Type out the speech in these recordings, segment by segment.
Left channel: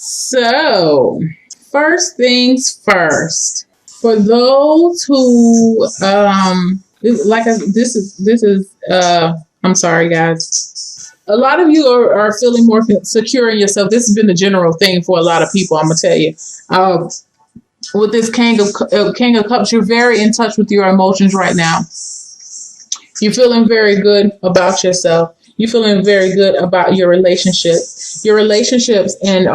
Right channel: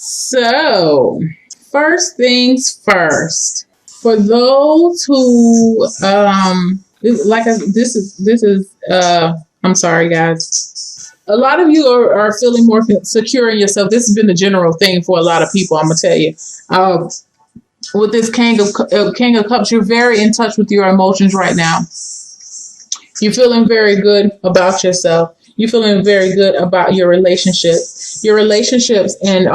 So, first things first. For those who, I'm sorry, guys. A lot of you are feeling more secure in yourself. This has been the general thing for a lot of people. I'm gonna tell you. With this King of Cups, you're very in touch with your emotions right now. You're feeling very good about yourself. You're feeling very good about your relationships. Your relationships, and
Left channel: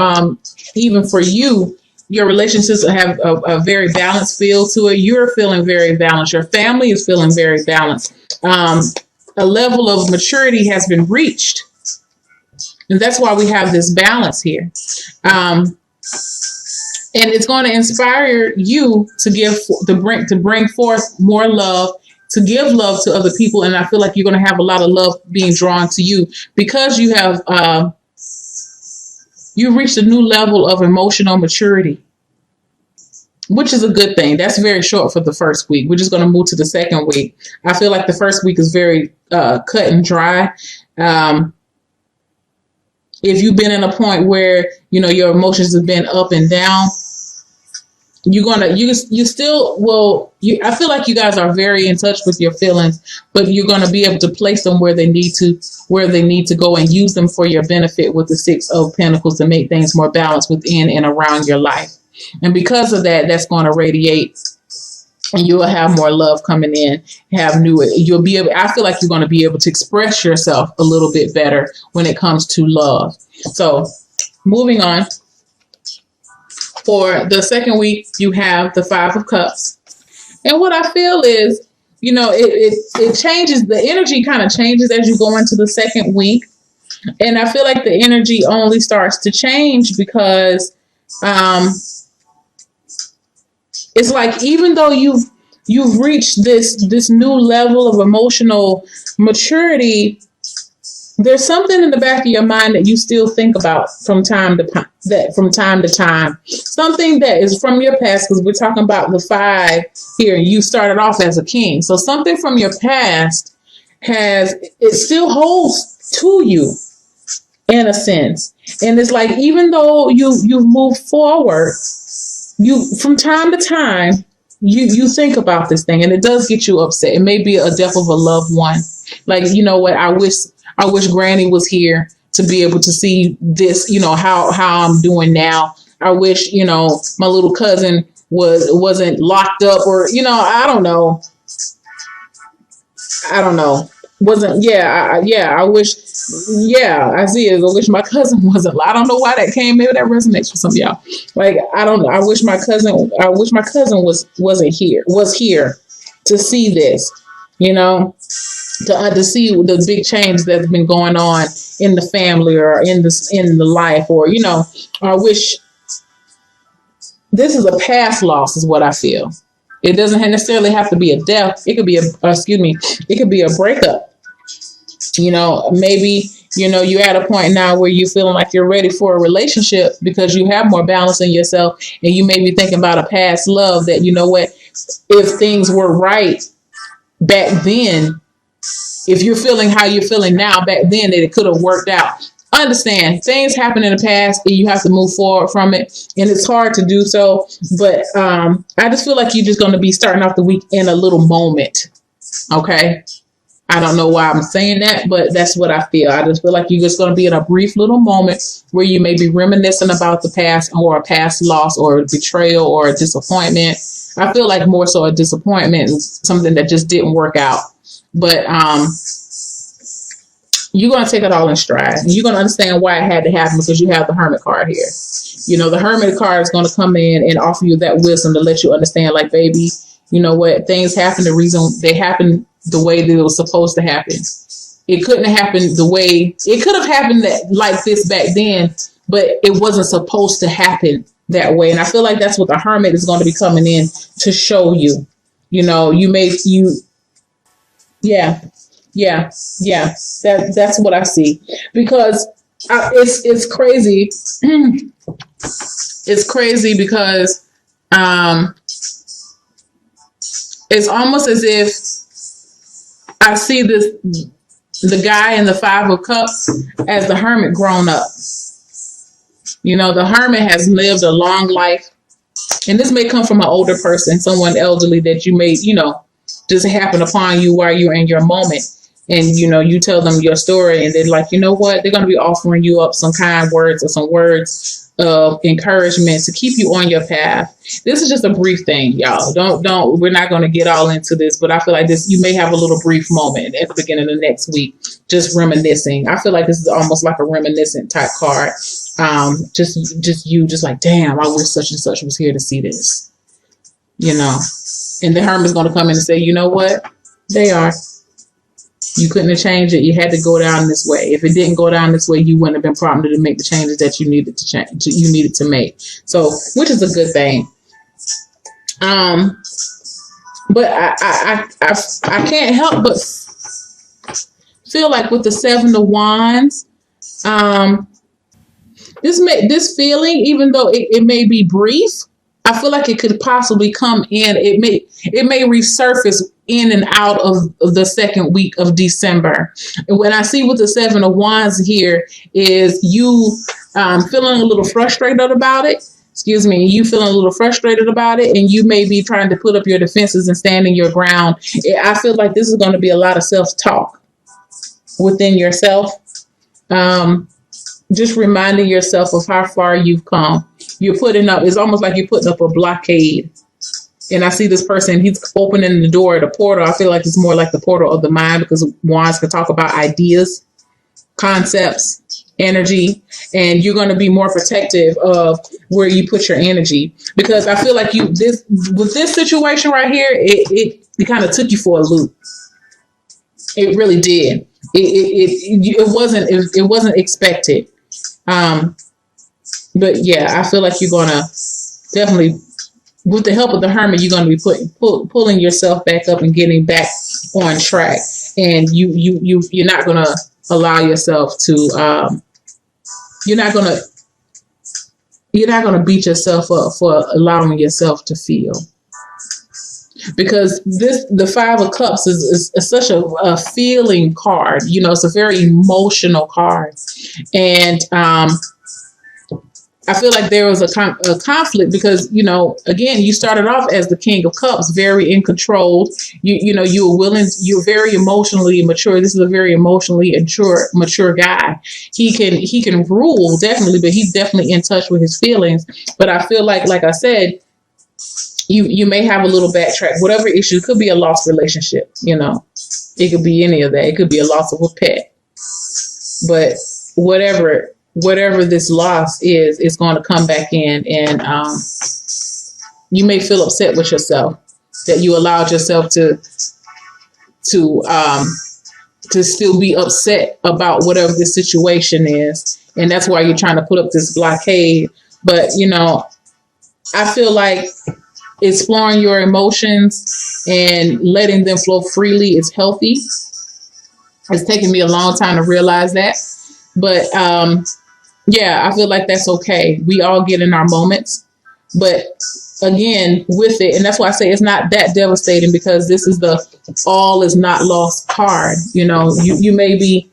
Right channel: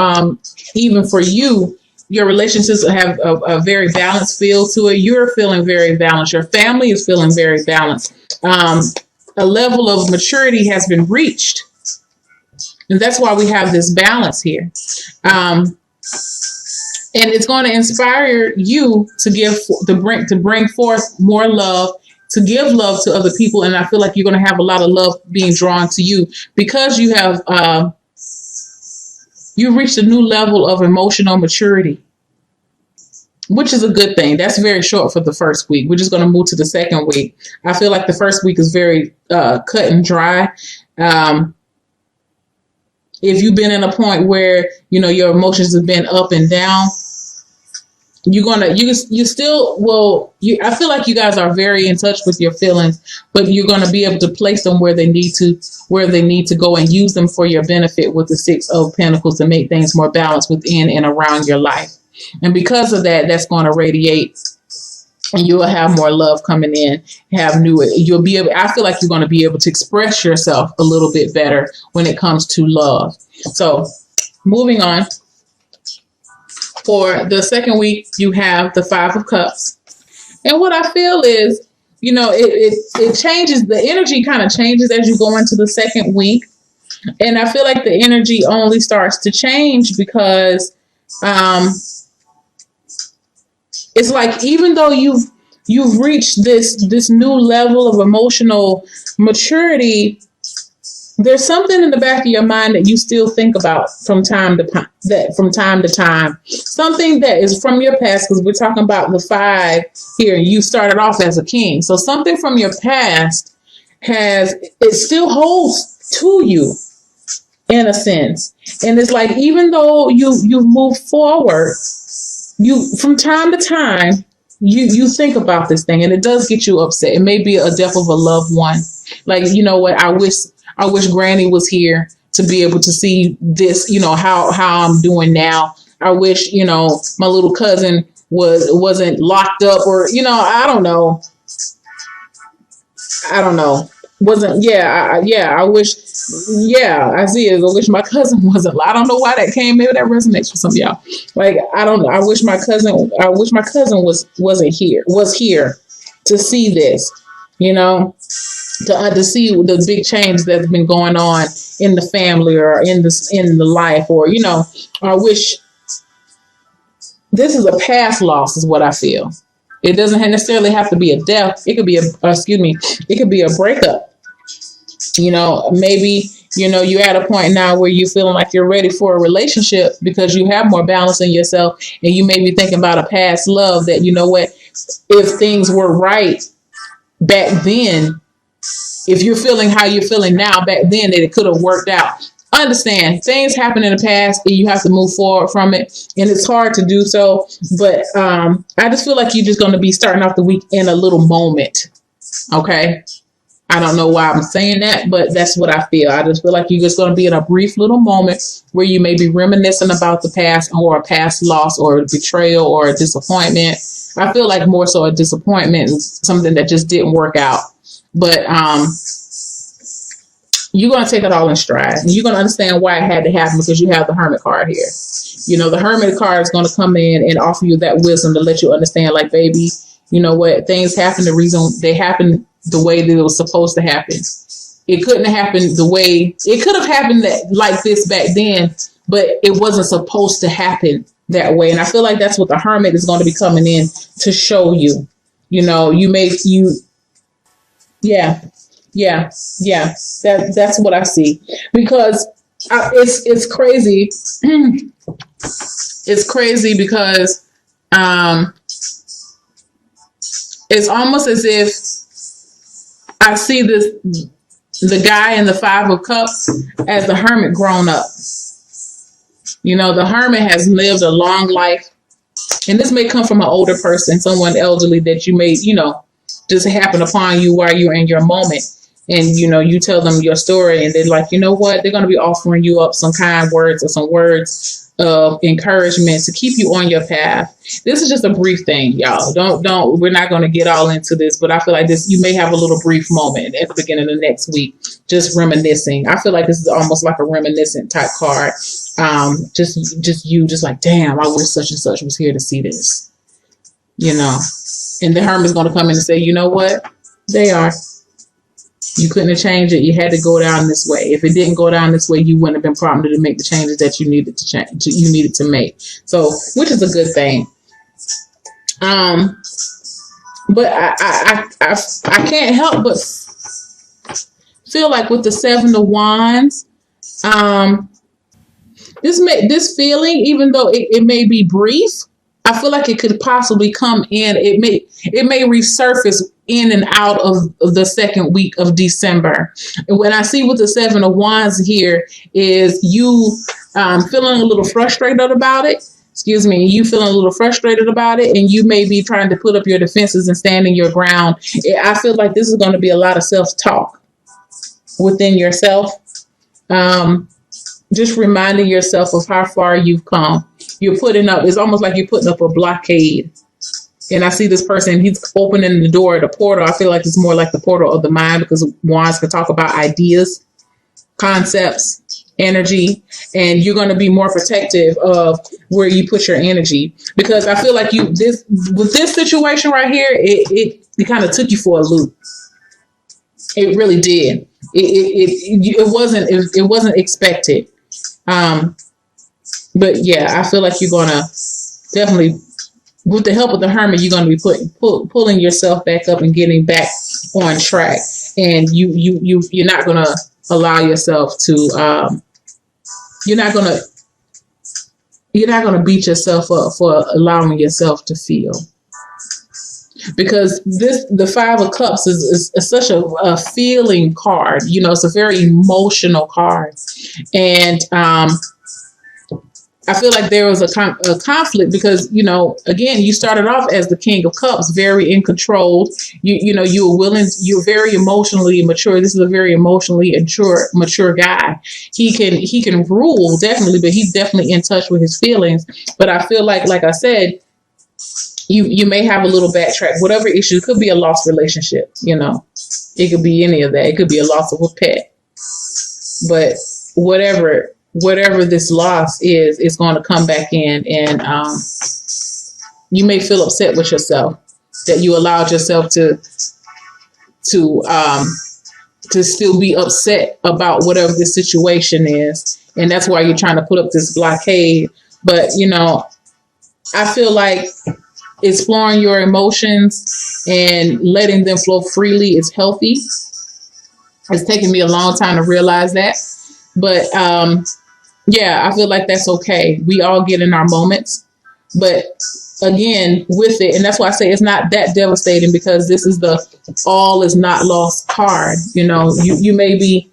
even for you, your relationships have a very balanced feel to it. You're feeling very balanced. Your family is feeling very balanced. A level of maturity has been reached, and that's why we have this balance here. And it's going to inspire you to bring forth more love, to give love to other people. And I feel like you're going to have a lot of love being drawn to you because you have you reached a new level of emotional maturity, which is a good thing. That's very short for the first week. We're just going to move to the second week. I feel like the first week is very cut and dry. If you've been in a point where your emotions have been up and down, I feel like you guys are very in touch with your feelings, but you're going to be able to place them where they need to go and use them for your benefit with the Six of Pentacles to make things more balanced within and around your life. And because of that, that's going to radiate, and you will have more love coming in. I feel like you're going to be able to express yourself a little bit better when it comes to love. So moving on. For the second week, you have the Five of Cups. And what I feel is, it changes. The energy kind of changes as you go into the second week. And I feel like the energy only starts to change because it's like even though you've reached this new level of emotional maturity, there's something in the back of your mind that you still think about from time to time. Something that is from your past, because we're talking about the five here. You started off as a king. So something from your past it still holds to you in a sense. And it's like, even though you move forward, from time to time, you think about this thing, and it does get you upset. It may be a death of a loved one. Like, you know what, I wish Granny was here to be able to see this, how I'm doing now. I wish, my little cousin wasn't locked up, or, I don't know. I wish, I see it. I wish my cousin wasn't, I don't know why that came. Maybe that resonates for some of y'all. Like, I don't know. I wish my cousin was here to see this, to see the big change that's been going on in the family or in the life, or I wish. This is a past loss, is what I feel. It doesn't necessarily have to be a death. It could be it could be a breakup. Maybe you're at a point now where you're feeling like you're ready for a relationship because you have more balance in yourself, and you may be thinking about a past love that, if things were right back then. If you're feeling how you're feeling now, back then, that it could have worked out. Understand, things happen in the past and you have to move forward from it. And it's hard to do so. But I just feel like you're just going to be starting off the week in a little moment. Okay. I don't know why I'm saying that, but that's what I feel. I just feel like you're just going to be in a brief little moment where you may be reminiscing about the past, or a past loss, or a betrayal, or a disappointment. I feel like more so a disappointment is something that just didn't work out. But you're going to take it all in stride. You're going to understand why it had to happen because you have the Hermit card here. The Hermit card is going to come in and offer you that wisdom to let you understand, like, baby, what things happen, the reason they happen the way they were supposed to happen. It couldn't have happened it could have happened like this back then, but it wasn't supposed to happen that way. And I feel like that's what the Hermit is going to be coming in to show you. That's what I see, because it's crazy. It's crazy because it's almost as if I see the guy in the Five of Cups as the Hermit grown up. You know, the hermit has lived a long life, and this may come from an older person, someone elderly that you may, just happen upon you while you're in your moment. And, you tell them your story, and they're like, you know what? They're going to be offering you up some kind words or some words of encouragement to keep you on your path. This is just a brief thing, y'all. Don't, we're not going to get all into this, but I feel like this, you may have a little brief moment at the beginning of the next week, just reminiscing. I feel like this is almost like a reminiscent type card. Just like, damn, I wish such and such was here to see this, and the hermit's going to come in and say, you know what? They are. You couldn't have changed it. You had to go down this way. If it didn't go down this way, you wouldn't have been prompted to make the changes that you needed to change. You needed to make. So, which is a good thing. But I can't help but feel like with the Seven of Wands, this feeling, even though it may be brief, I feel like it could possibly come in. It may resurface in and out of the second week of December. And when I see with the Seven of Wands here is you feeling a little frustrated about it. Excuse me, you feeling a little frustrated about it, and you may be trying to put up your defenses and standing your ground. I feel like this is going to be a lot of self-talk within yourself. Just reminding yourself of how far you've come. You're putting up, it's almost like you're putting up a blockade. And I see this person, he's opening the door, the portal. I feel like it's more like the portal of the mind, because wands can talk about ideas, concepts, energy, and you're going to be more protective of where you put your energy. Because I feel like with this situation right here, it kind of took you for a loop. It really did. It wasn't expected. But yeah, I feel like you're gonna definitely, with the help of the hermit, you're gonna be pulling yourself back up and getting back on track. And you're not gonna allow yourself to you're not gonna beat yourself up for allowing yourself to feel. Because the Five of Cups is such a feeling card. It's a very emotional card. And I feel like there was a conflict because, again, you started off as the King of Cups, very in control. You're very emotionally mature. This is a very emotionally mature guy. He can rule, definitely, but he's definitely in touch with his feelings. But I feel like I said, you may have a little backtrack. Whatever issue, it could be a lost relationship, It could be any of that. It could be a loss of a pet. But whatever this loss is, it's going to come back in, and you may feel upset with yourself that you allowed yourself to still be upset about whatever the situation is, and that's why you're trying to put up this blockade. But I feel like exploring your emotions and letting them flow freely is healthy. It's taken me a long time to realize that, but yeah, I feel like that's okay. We all get in our moments, but again, with it, and that's why I say it's not that devastating, because this is the all is not lost card. You may be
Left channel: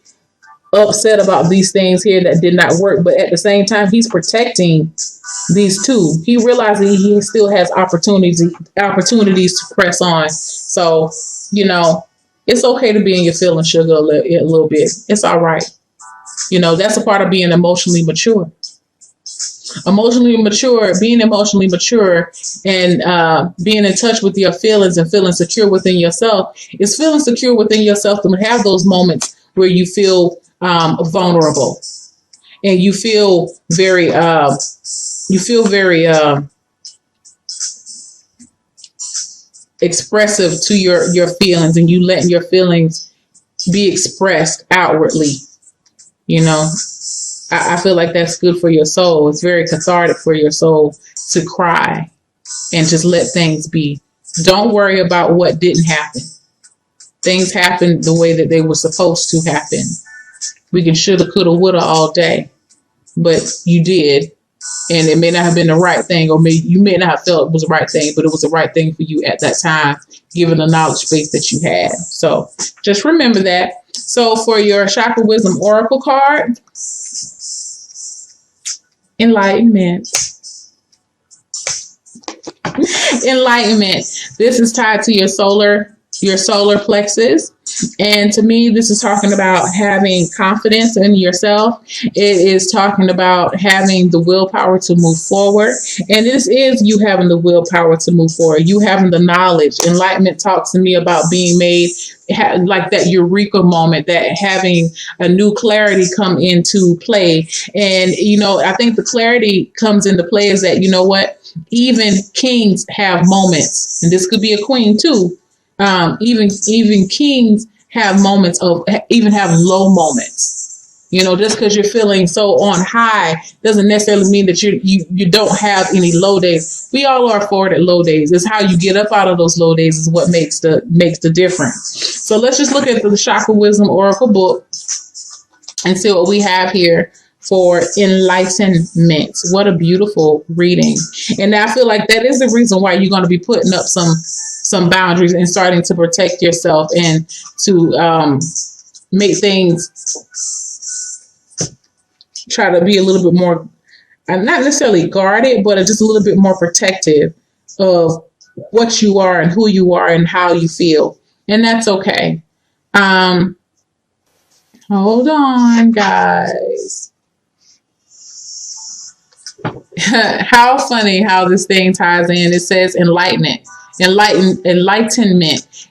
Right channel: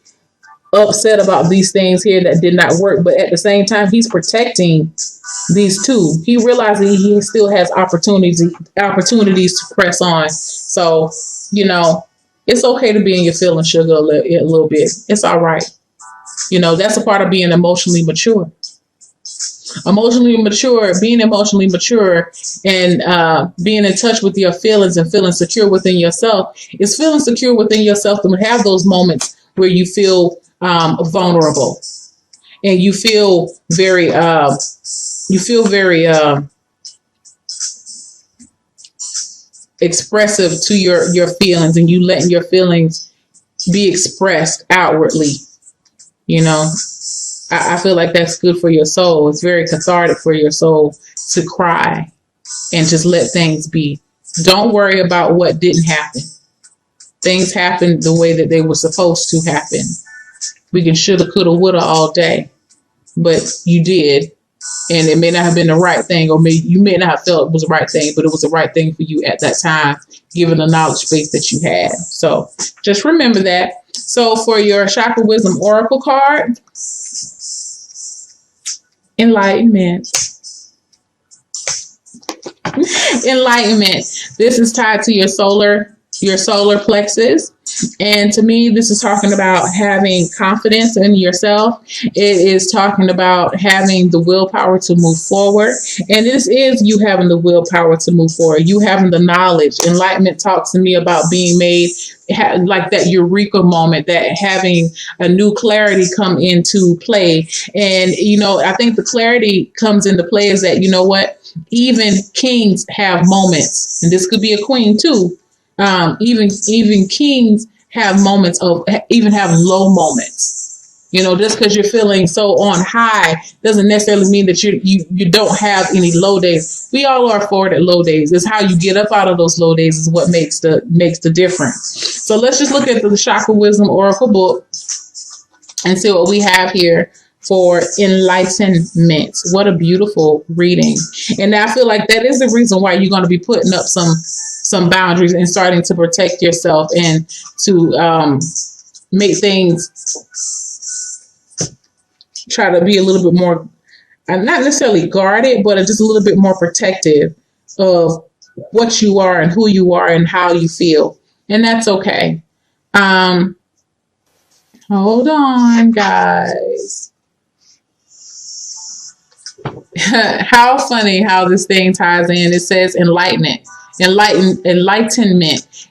upset about these things here that did not work, but at the same time, he's protecting these two. He realizes he still has opportunities to press on. So, it's okay to be in your feelings, sugar, a little bit. It's all right. That's a part of being emotionally mature. Being emotionally mature and being in touch with your feelings and feeling secure within yourself is feeling secure within yourself to have those moments where you feel vulnerable and you feel very expressive to your feelings, and you letting your feelings be expressed outwardly. I feel like that's good for your soul. It's very cathartic for your soul to cry and just let things be. Don't worry about what didn't happen. Things happened the way that they were supposed to happen. We can shoulda, coulda, woulda all day, but you did. And it may not have been the right thing, or you may not have felt it was the right thing, but it was the right thing for you at that time, given the knowledge base that you had. So just remember that. So for your Chakra Wisdom Oracle card, Enlightenment. Enlightenment. This is tied to your solar plexus. And to me, this is talking about having confidence in yourself. It is talking about having the willpower to move forward. And this is you having the willpower to move forward. You having the knowledge. Enlightenment talks to me about being made like that eureka moment, that having a new clarity come into play. And, I think the clarity comes into play is that, even kings have moments, and this could be a queen too. Even kings have moments of, even have low moments. Just because you're feeling so on high doesn't necessarily mean that you don't have any low days. We all are afforded low days. It's how you get up out of those low days is what makes the difference. So let's just look at the Chakra Wisdom Oracle book and see what we have here for enlightenment. What a beautiful reading. And I feel like that is the reason why you're going to be putting up some boundaries and starting to protect yourself and to make things, try to be a little bit more, not necessarily guarded, but just a little bit more protective of what you are and who you are and how you feel. And that's okay. Hold on, guys. How funny how this thing ties in. It says enlightenment.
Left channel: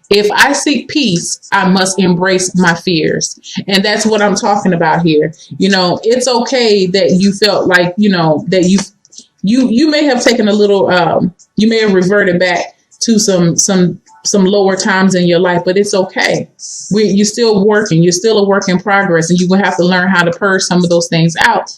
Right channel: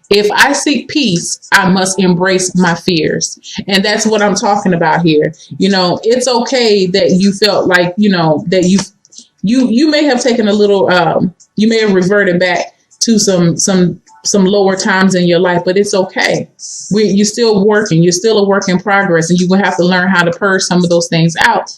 If I seek peace, I must embrace my fears. And that's what I'm talking about here. It's okay that you felt like, that you may have taken a little, you may have reverted back to some lower times in your life, but it's okay. You're still working. You're still a work in progress, and you will have to learn how to purge some of those things out.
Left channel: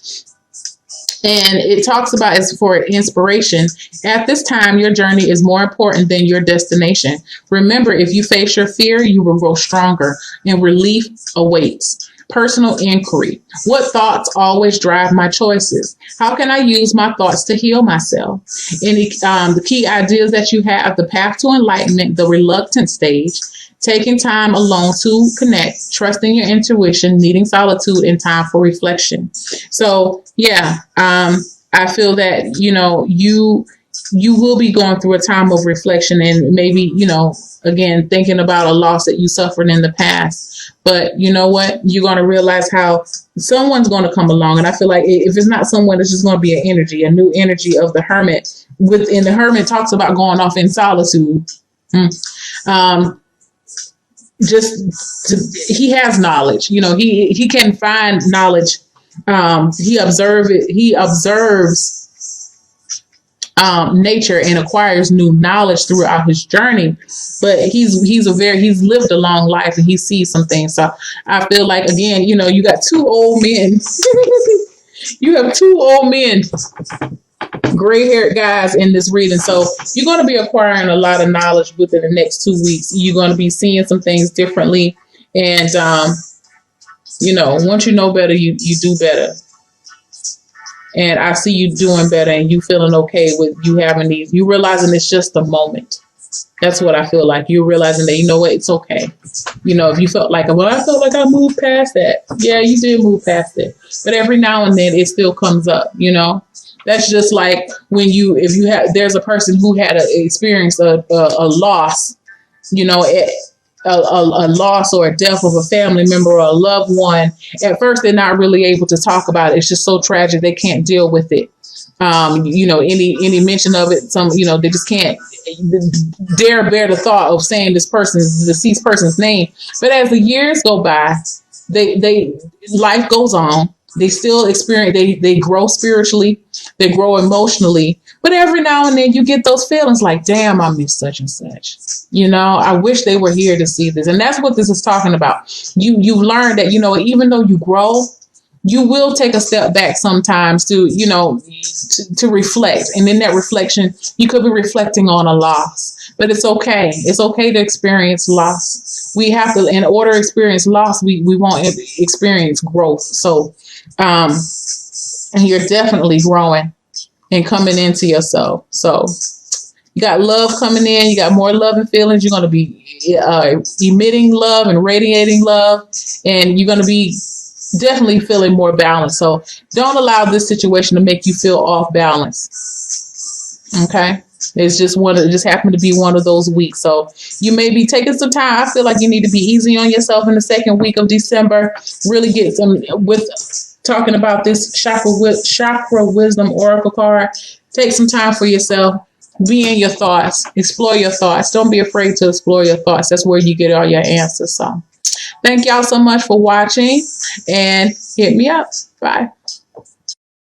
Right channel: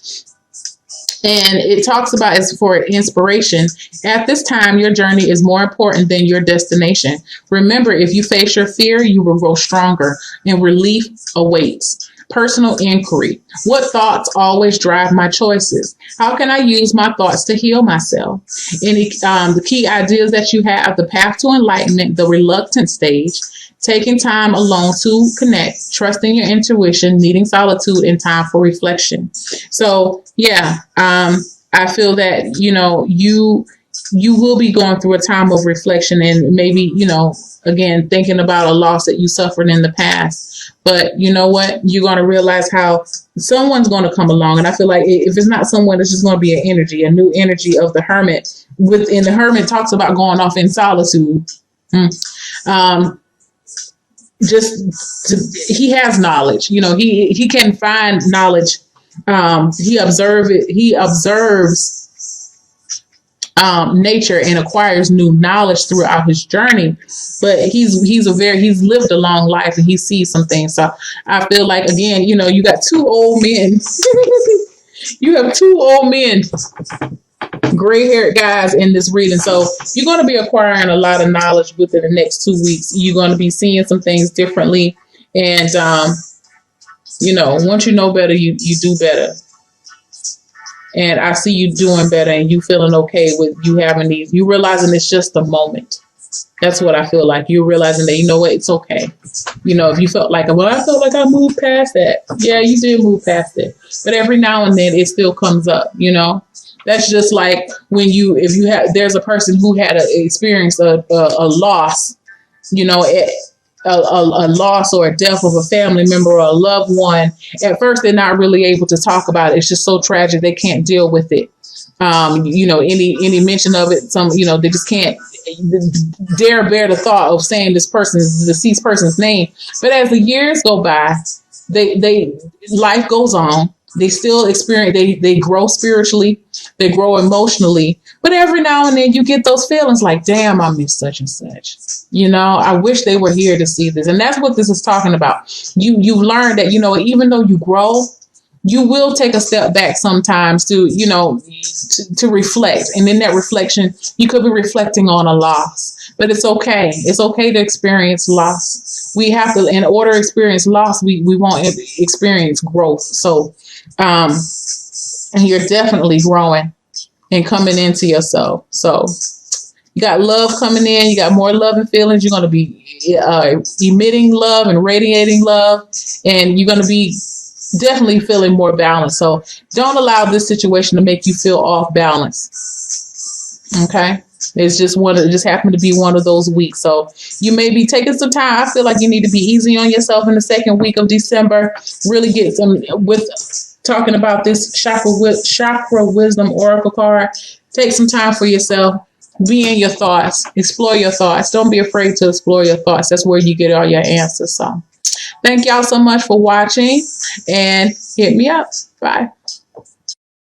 And it talks about, as for inspiration, at this time, your journey is more important than your destination. Remember, if you face your fear, you will grow stronger, and relief awaits. Personal inquiry. What thoughts always drive my choices? How can I use my thoughts to heal myself? The key ideas that you have: the path to enlightenment, the reluctant stage, taking time alone to connect, trusting your intuition, needing solitude and time for reflection. So, yeah, I feel that, you will be going through a time of reflection and maybe, again, thinking about a loss that you suffered in the past. But you know what? You're going to realize how someone's going to come along. And I feel like if it's not someone, it's just going to be an energy, a new energy of the hermit. And the hermit talks about going off in solitude. He has knowledge. He can find knowledge. He observes nature and acquires new knowledge throughout his journey. But he's lived a long life and he sees some things. So I feel like, again, you got two old men. You have two old men, gray-haired guys in this reading. So you're going to be acquiring a lot of knowledge within the next 2 weeks. You're going to be seeing some things differently. And, once you know better, you do better. And I see you doing better and you feeling okay with you having these. You realizing it's just a moment. That's what I feel like. You're realizing that, it's okay. If you felt like, well, I felt like I moved past that. Yeah, you did move past it. But every now and then it still comes up, That's just like when there's a person who had experienced a loss, a loss or a death of a family member or a loved one. At first, they're not really able to talk about it. It's just so tragic. They can't deal with it. Any mention of it, they just can't dare bear the thought of saying this deceased person's name. But as the years go by, life goes on. They still experience, they grow spiritually, they grow emotionally. But every now and then you get those feelings like, damn, I miss such and such. I wish they were here to see this. And that's what this is talking about. You learn that, even though you grow, you will take a step back sometimes to reflect. And in that reflection, you could be reflecting on a loss. But it's okay. It's okay to experience loss. We have to, in order to experience loss, we won't experience growth. So, and you're definitely growing and coming into yourself. So you got love coming in. You got more love and feelings. You're going to be emitting love and radiating love. And you're going to be definitely feeling more balanced. So don't allow this situation to make you feel off balance. Okay. It just happened to be one of those weeks. So you may be taking some time. I feel like you need to be easy on yourself in the second week of December. Really get some with talking about this chakra wisdom oracle card. Take some time for yourself. Be in your thoughts. Explore your thoughts. Don't be afraid to explore your thoughts. That's where you get all your answers. So thank y'all so much for watching and hit me up. Bye.